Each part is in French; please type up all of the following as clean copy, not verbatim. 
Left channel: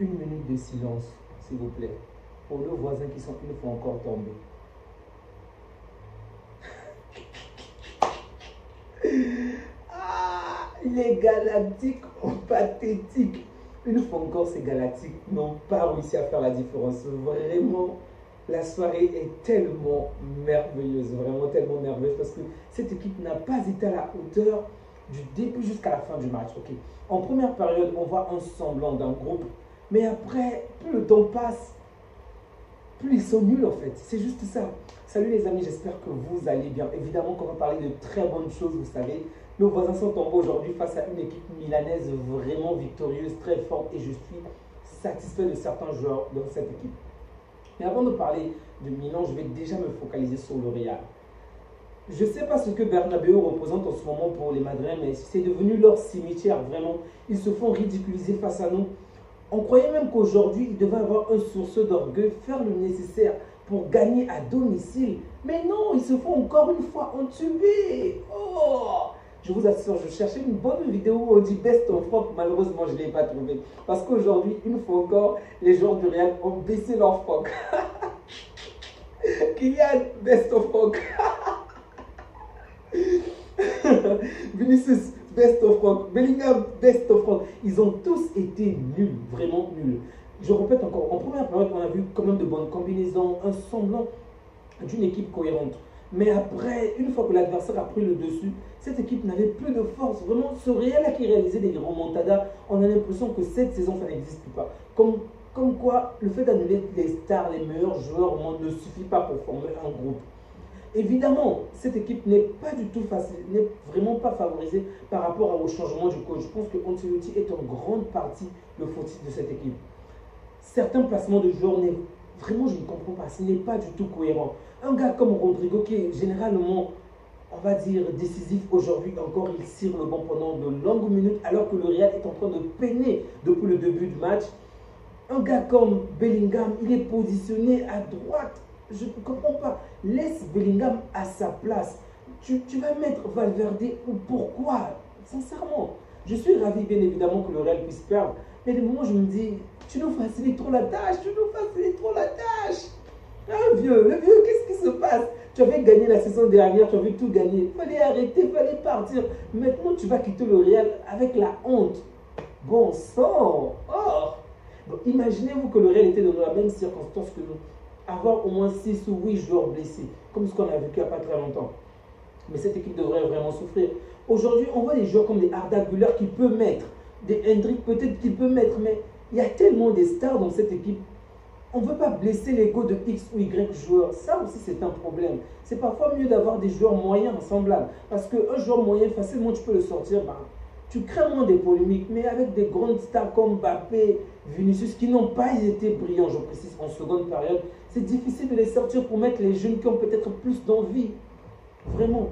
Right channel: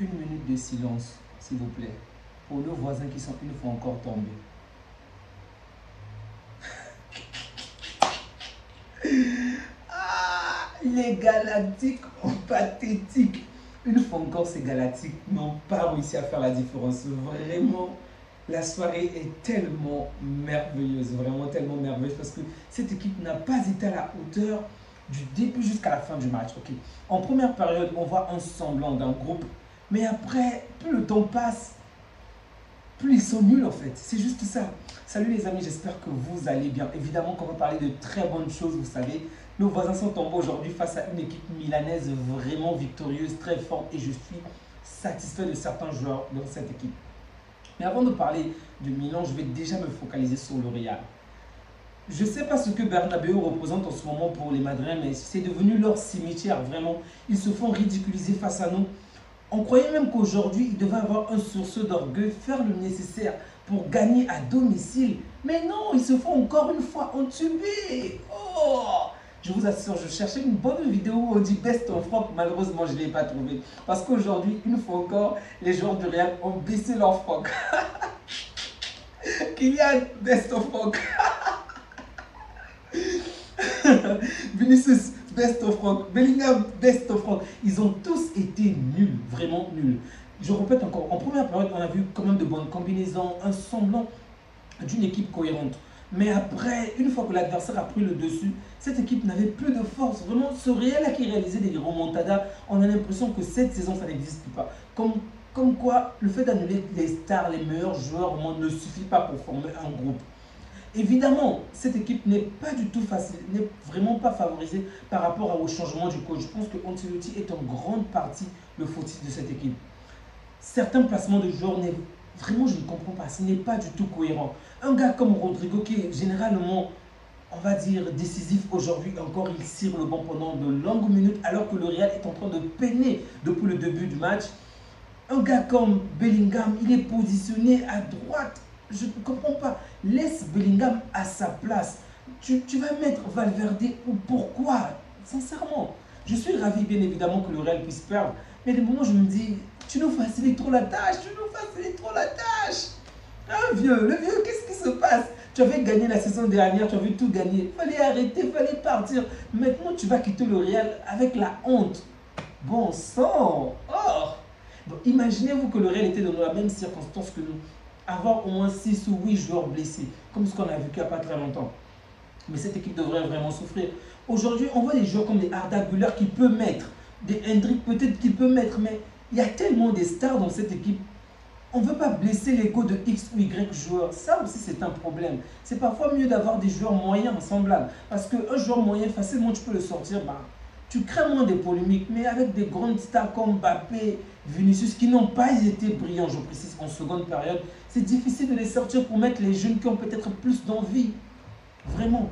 Une minute de silence, s'il vous plaît, pour nos voisins qui sont une fois encore tombés. Ah, les Galactiques ont pathétique. Une fois encore, ces Galactiques n'ont pas réussi à faire la différence. Vraiment, la soirée est tellement merveilleuse. Vraiment tellement merveilleuse parce que cette équipe n'a pas été à la hauteur du début jusqu'à la fin du match. Okay. En première période, on voit un semblant d'un groupe. Mais après, plus le temps passe, plus ils sont nuls en fait. C'est juste ça. Salut les amis, j'espère que vous allez bien. Évidemment qu'on va parler de très bonnes choses, vous savez. Nos voisins sont tombés aujourd'hui face à une équipe milanaise vraiment victorieuse, très forte. Et je suis satisfait de certains joueurs dans cette équipe. Mais avant de parler de Milan, je vais déjà me focaliser sur le Real. Je ne sais pas ce que Bernabéu représente en ce moment pour les Madrilènes, mais c'est devenu leur cimetière, vraiment. Ils se font ridiculiser face à nous. On croyait même qu'aujourd'hui, ils devaient avoir un sursaut d'orgueil, faire le nécessaire pour gagner à domicile. Mais non, ils se font encore une fois entuber. Oh! Je vous assure, je cherchais une bonne vidéo où on dit Best of Rock. Malheureusement, je ne l'ai pas trouvé. Parce qu'aujourd'hui, une fois encore, les joueurs du Real ont baissé leur froc. Kylian, Best of Rock. Vinicius, Best of Rock. Bellingham, Best of Rock. Ils ont tous été nuls, vraiment nuls. Je répète encore, en première période, on a vu quand même de bonnes combinaisons, un semblant d'une équipe cohérente. Mais après, une fois que l'adversaire a pris le dessus, cette équipe n'avait plus de force. Vraiment, ce Real qui réalisait des remontadas, on a l'impression que cette saison, ça n'existe pas. Comme quoi, le fait d'annuler les stars, les meilleurs joueurs au monde ne suffit pas pour former un groupe. Évidemment, cette équipe n'est pas du tout facile, n'est vraiment pas favorisée par rapport au changement du coach. Je pense que Ancelotti est en grande partie le fautif de cette équipe. Certains placements de joueurs, vraiment je ne comprends pas, ce n'est pas du tout cohérent. Un gars comme Rodrigo qui est généralement, on va dire, décisif aujourd'hui, encore il cire le banc pendant de longues minutes alors que le Real est en train de peiner depuis le début du match. Un gars comme Bellingham, il est positionné à droite. Je ne comprends pas. Laisse Bellingham à sa place. Tu vas mettre Valverde ou pourquoi? Sincèrement, je suis ravi bien évidemment que le Real puisse perdre. Mais des moments je me dis, tu nous facilites trop la tâche, Ah, le vieux, qu'est-ce qui se passe? Tu avais gagné la saison dernière, tu avais tout gagné. Il fallait arrêter, il fallait partir. Maintenant, tu vas quitter le Real avec la honte. Bon sang. Oh. Bon, imaginez-vous que le Real était dans la même circonstance que nous. Avoir au moins 6 ou 8 joueurs blessés, comme ce qu'on a vécu il n'y a pas très longtemps. Mais cette équipe devrait vraiment souffrir. Aujourd'hui, on voit des joueurs comme des Arda Güler qui peut mettre, des Hendrick peut-être qu'il peut mettre, mais il y a tellement de stars dans cette équipe. On ne veut pas blesser l'ego de X ou Y joueurs. Ça aussi, c'est un problème. C'est parfois mieux d'avoir des joueurs moyens semblables. Parce qu'un joueur moyen, facilement, tu peux le sortir. Bah, tu crées moins de polémiques. Mais avec des grandes stars comme Mbappé, Vinicius, qui n'ont pas été brillants, je précise, en seconde période, c'est difficile de les sortir pour mettre les jeunes qui ont peut-être plus d'envie. Vraiment.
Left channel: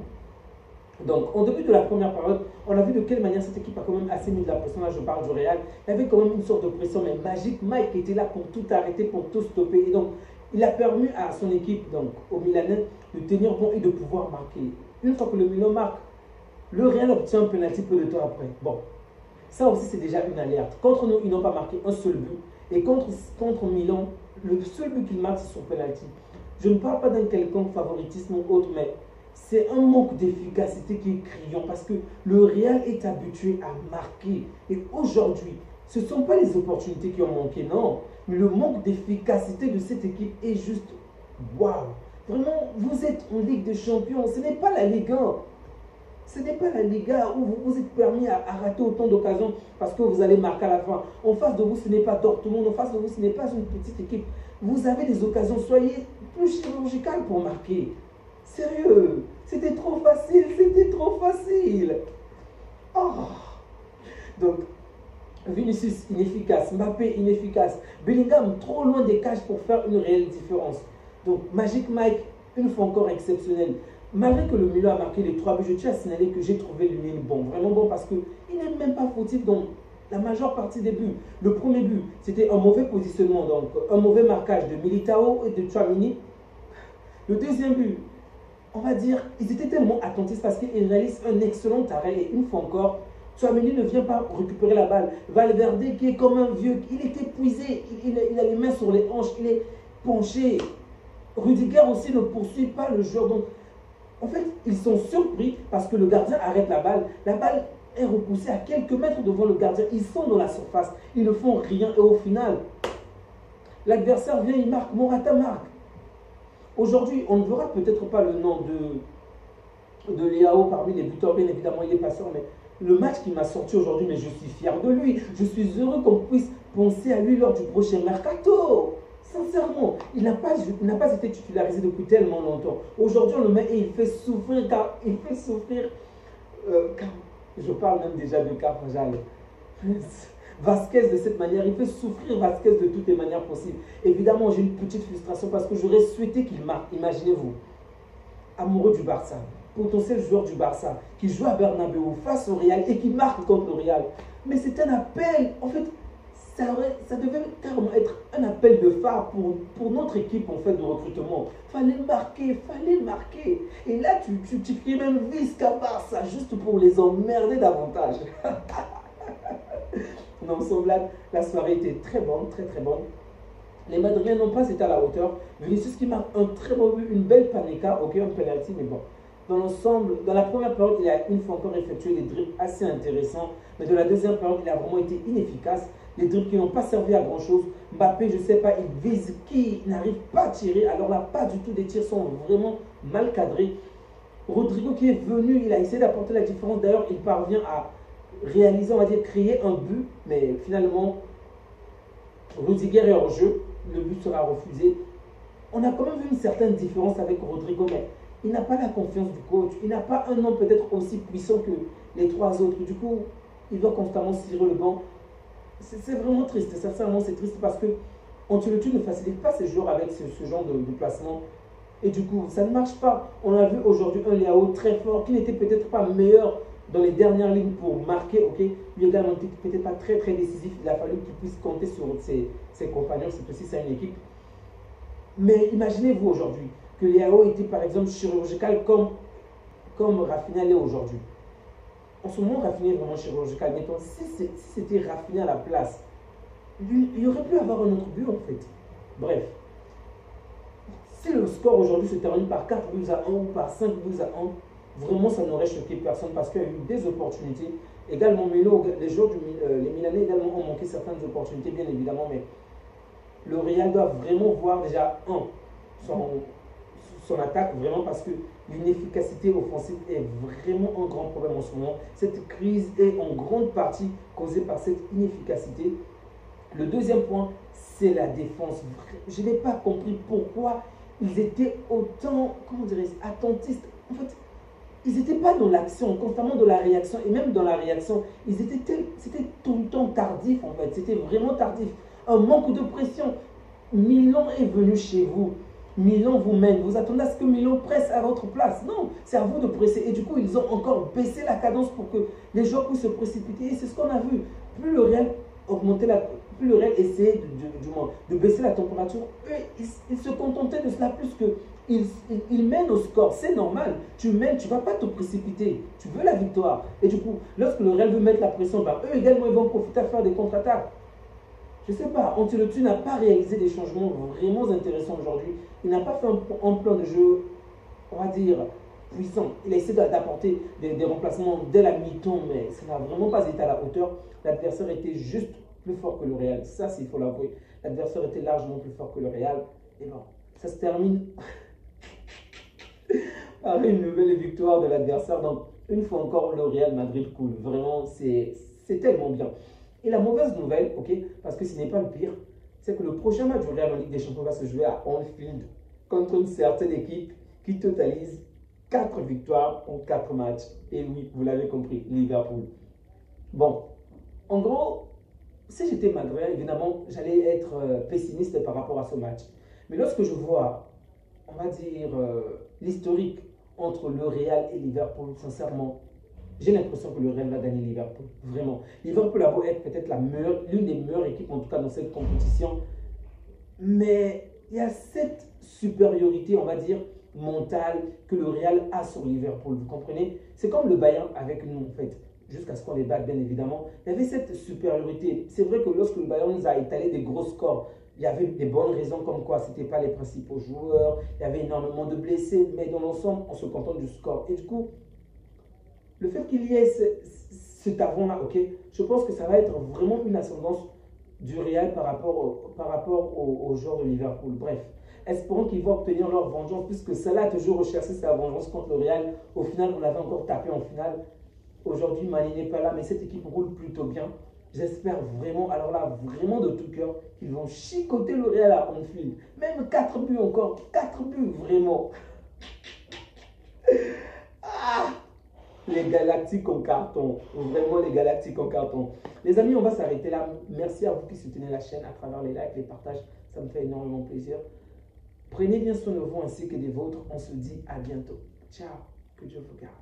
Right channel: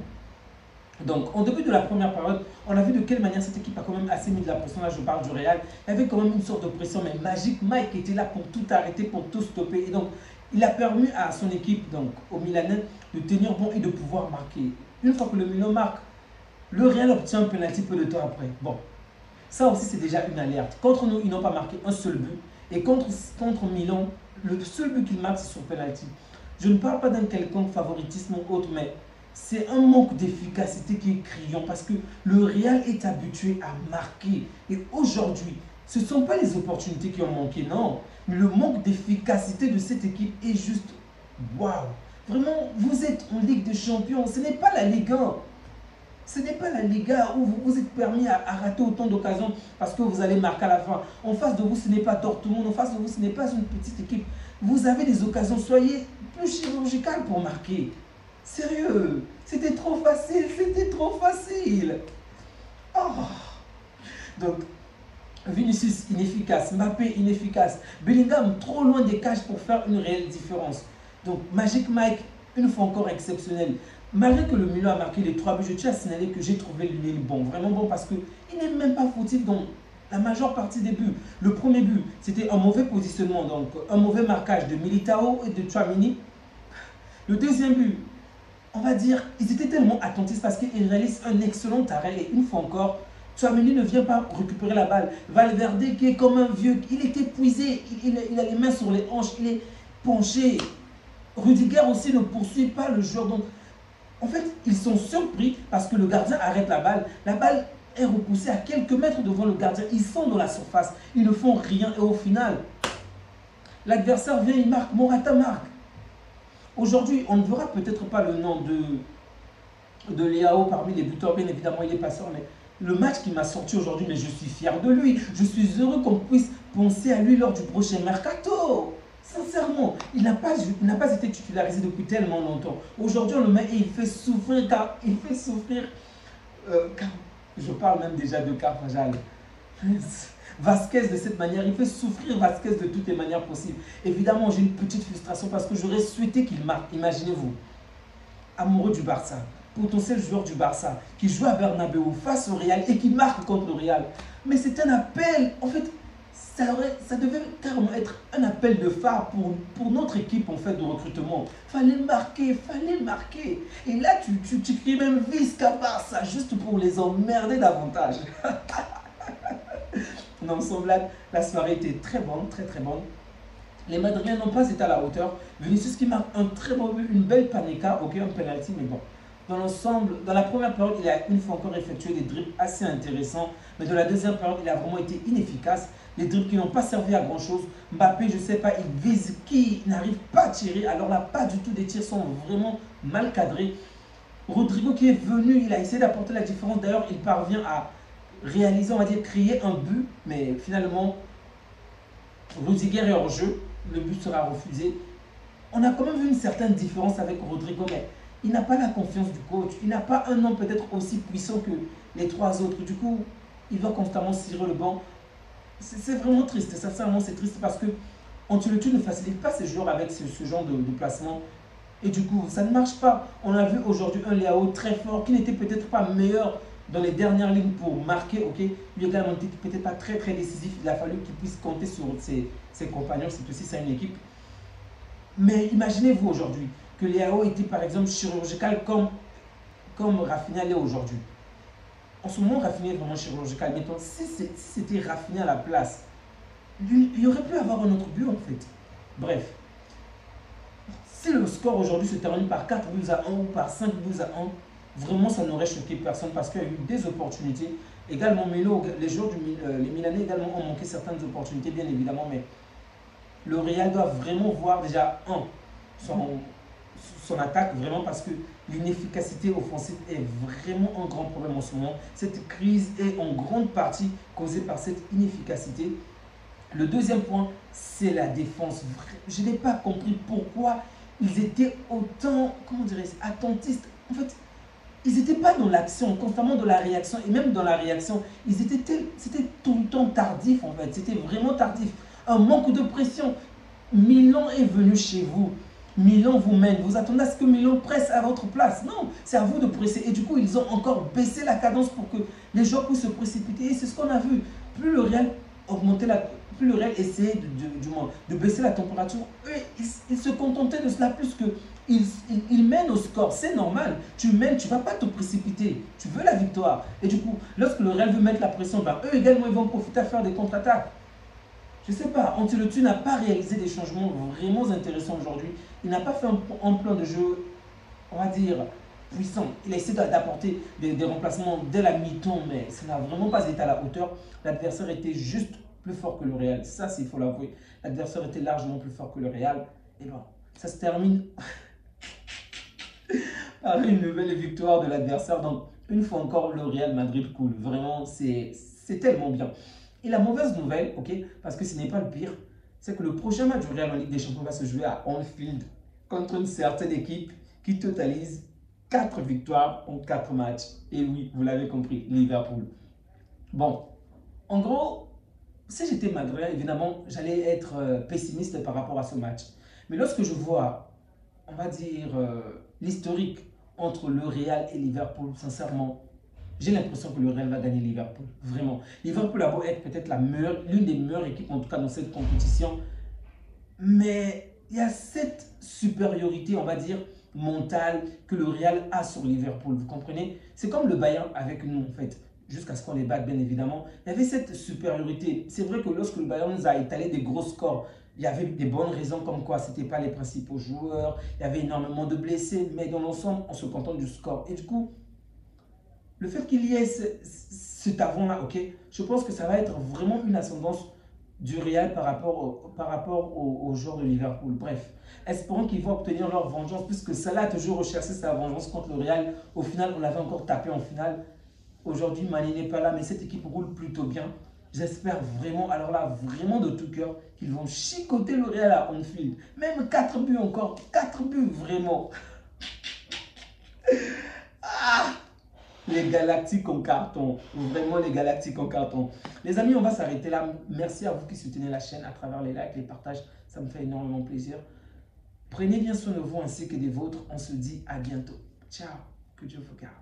Donc, en début de la première période, on a vu de quelle manière cette équipe a quand même assez mis de la pression. Là, je parle du Real. Il y avait quand même une sorte de pression, mais Magic Mike était là pour tout arrêter, pour tout stopper. Et donc, il a permis à son équipe, donc au Milanais, de tenir bon et de pouvoir marquer. Une fois que le Milan marque, le Real obtient un penalty peu de temps après. Bon, ça aussi, c'est déjà une alerte. Contre nous, ils n'ont pas marqué un seul but. Et contre Milan, le seul but qu'ils marquent, c'est sur penalty. Je ne parle pas d'un quelconque favoritisme ou autre, mais c'est un manque d'efficacité qui est criant parce que le Real est habitué à marquer. Et aujourd'hui, ce ne sont pas les opportunités qui ont manqué, non. Mais le manque d'efficacité de cette équipe est juste waouh. Vraiment, vous êtes en Ligue des Champions. Ce n'est pas la Ligue 1. Ce n'est pas la Liga où vous vous êtes permis à rater autant d'occasions parce que vous allez marquer à la fin. En face de vous, ce n'est pas Dortmund. En face de vous, ce n'est pas une petite équipe. Vous avez des occasions. Soyez plus chirurgical pour marquer. Sérieux, c'était trop facile, Oh. Donc, Vinicius inefficace, Mbappé inefficace, Bellingham trop loin des cages pour faire une réelle différence. Donc, Magic Mike, une fois encore exceptionnel. Malgré que le Milan a marqué les 3 buts, je tiens à signaler que j'ai trouvé Lille bon, vraiment bon parce qu'il n'est même pas fautif dans la majeure partie des buts. Le premier but, c'était un mauvais positionnement, donc un mauvais marquage de Militao et de Tchouaméni. Le deuxième but, on va dire, ils étaient tellement attentifs parce qu'ils réalisent un excellent arrêt et une fois encore, Tchouaméni ne vient pas récupérer la balle. Valverde qui est comme un vieux, il est épuisé, il a les mains sur les hanches, il est penché. Rudiger aussi ne poursuit pas le joueur. Donc, en fait, ils sont surpris parce que le gardien arrête la balle. La balle est repoussée à quelques mètres devant le gardien. Ils sont dans la surface, ils ne font rien. Et au final, l'adversaire vient, il marque, Morata marque. Aujourd'hui, on ne verra peut-être pas le nom de Leao parmi les buteurs. Bien évidemment, il est passeur, mais le match qui m'a sorti aujourd'hui, mais je suis fier de lui. Je suis heureux qu'on puisse penser à lui lors du prochain mercato. Sincèrement, il n'a pas été titularisé depuis tellement longtemps. Aujourd'hui, on le met et il fait souffrir, je parle même déjà de Carvajal. Vasquez de cette manière, il fait souffrir Vasquez de toutes les manières possibles. Évidemment, j'ai une petite frustration parce que j'aurais souhaité qu'il marque. Imaginez-vous, amoureux du Barça, potentiel joueur du Barça, qui joue à Bernabeu face au Real et qui marque contre le Real. Mais c'est un appel, en fait, ça devait carrément être un appel de phare pour notre équipe en fait de recrutement. Fallait marquer. Et là, tu cries même Visca Barça juste pour les emmerder davantage. Non, sans blague, la soirée était très bonne, très bonne. Les Madriens n'ont pas été à la hauteur. Vinicius qui marque un très beau but, une belle panica, ok, un penalty, mais bon. Dans l'ensemble, dans la première période, il a une fois encore effectué des dribbles assez intéressants. Mais dans la deuxième période, il a vraiment été inefficace. Les dribbles qui n'ont pas servi à grand chose. Mbappé, je ne sais pas, il vise qui n'arrive pas à tirer. Alors là, pas du tout, des tirs sont vraiment mal cadrés. Rodrigo qui est venu, il a essayé d'apporter la différence. D'ailleurs, il parvient à réaliser, on va dire, créer un but. Mais finalement, Rudiger est hors jeu. Le but sera refusé. On a quand même vu une certaine différence avec Rodrigo, mais il n'a pas la confiance du coach. Il n'a pas un homme peut-être aussi puissant que les trois autres. Du coup, il doit constamment cirer le banc. C'est vraiment triste. Sincèrement, c'est triste parce que Ancelotti ne facilite pas ses joueurs avec ce genre de placement. Et du coup, ça ne marche pas. On a vu aujourd'hui un Leao très fort qui n'était peut-être pas meilleur dans les dernières lignes pour marquer. Ok, lui également n'était peut-être pas très décisif. Il a fallu qu'il puisse compter sur ses compagnons. C'est aussi ça une équipe. Mais imaginez-vous aujourd'hui que Leao était par exemple chirurgical comme Rafinha l'est aujourd'hui. En ce moment, Rafinha est vraiment chirurgical. Mettons, si c'était Rafinha à la place, il aurait pu avoir un autre but en fait. Bref. Si le score aujourd'hui se termine par 4 buts à 1 ou par 5 buts à 1, vraiment ça n'aurait choqué personne parce qu'il y a eu des opportunités. Également, les joueurs les Milanais également ont manqué certaines opportunités, bien évidemment, mais le Real doit vraiment voir déjà son attaque, vraiment parce que l'inefficacité offensive est vraiment un grand problème en ce moment. Cette crise est en grande partie causée par cette inefficacité. Le deuxième point, c'est la défense. Je n'ai pas compris pourquoi ils étaient autant, comment dirais-je, attentistes. En fait, ils n'étaient pas dans l'action, constamment dans la réaction. Et même dans la réaction, c'était tout le temps tardif en fait. C'était vraiment tardif. Un manque de pression. Milan est venu chez vous. Milan vous mène. Vous attendez à ce que Milan presse à votre place. Non, c'est à vous de presser. Et du coup, ils ont encore baissé la cadence pour que les joueurs puissent se précipiter. Et c'est ce qu'on a vu. Plus le Real augmentait plus le Real essayait de baisser la température, eux, ils se contentaient de cela plus que ils mènent au score. C'est normal. Tu mènes, tu ne vas pas te précipiter. Tu veux la victoire. Et du coup, lorsque le Real veut mettre la pression, ben, eux également, ils vont profiter à faire des contre-attaques. Je ne sais pas, Ancelotti n'a pas réalisé des changements vraiment intéressants aujourd'hui. Il n'a pas fait un plan de jeu, on va dire, puissant. Il a essayé d'apporter des remplacements dès la mi-temps, mais ça n'a vraiment pas été à la hauteur. L'adversaire était juste plus fort que le Real. Ça, il faut l'avouer. L'adversaire était largement plus fort que le Real. Et bon, ça se termine par une nouvelle victoire de l'adversaire. Donc, une fois encore, le Real Madrid coule. Vraiment, c'est tellement bien. Et la mauvaise nouvelle, ok, parce que ce n'est pas le pire, c'est que le prochain match du Real en Ligue des Champions va se jouer à Anfield contre une certaine équipe qui totalise 4 victoires en 4 matchs. Et oui, vous l'avez compris, Liverpool. Bon, en gros, si j'étais madrilène, évidemment, j'allais être pessimiste par rapport à ce match. Mais lorsque je vois, on va dire, l'historique entre le Real et Liverpool, sincèrement, j'ai l'impression que le Real va gagner Liverpool. Vraiment. Liverpool a beau être peut-être l'une des meilleures équipes, en tout cas dans cette compétition. Mais il y a cette supériorité, on va dire, mentale que le Real a sur Liverpool. Vous comprenez? C'est comme le Bayern avec nous, en fait. jusqu'à ce qu'on les batte, bien évidemment. Il y avait cette supériorité. C'est vrai que lorsque le Bayern nous a étalé des gros scores, il y avait des bonnes raisons comme quoi ce n'étaient pas les principaux joueurs, il y avait énormément de blessés, mais dans l'ensemble, on se contente du score. Et du coup, le fait qu'il y ait cet avant-là, ok, je pense que ça va être vraiment une ascendance du Real par rapport aux joueurs de Liverpool. Bref, espérons qu'ils vont obtenir leur vengeance, puisque Salah a toujours recherché sa vengeance contre le Real. Au final, on l'avait encore tapé en finale. Aujourd'hui, Mané n'est pas là, mais cette équipe roule plutôt bien. J'espère vraiment, alors là, vraiment de tout cœur, qu'ils vont chicoter le Real à Anfield. Même 4 buts encore, 4 buts vraiment. Ah, les Galactiques en carton, vraiment les Galactiques en carton. Les amis, on va s'arrêter là. Merci à vous qui soutenez la chaîne à travers les likes, les partages. Ça me fait énormément plaisir. Prenez bien soin de vous ainsi que des vôtres. On se dit à bientôt. Ciao, que Dieu vous garde.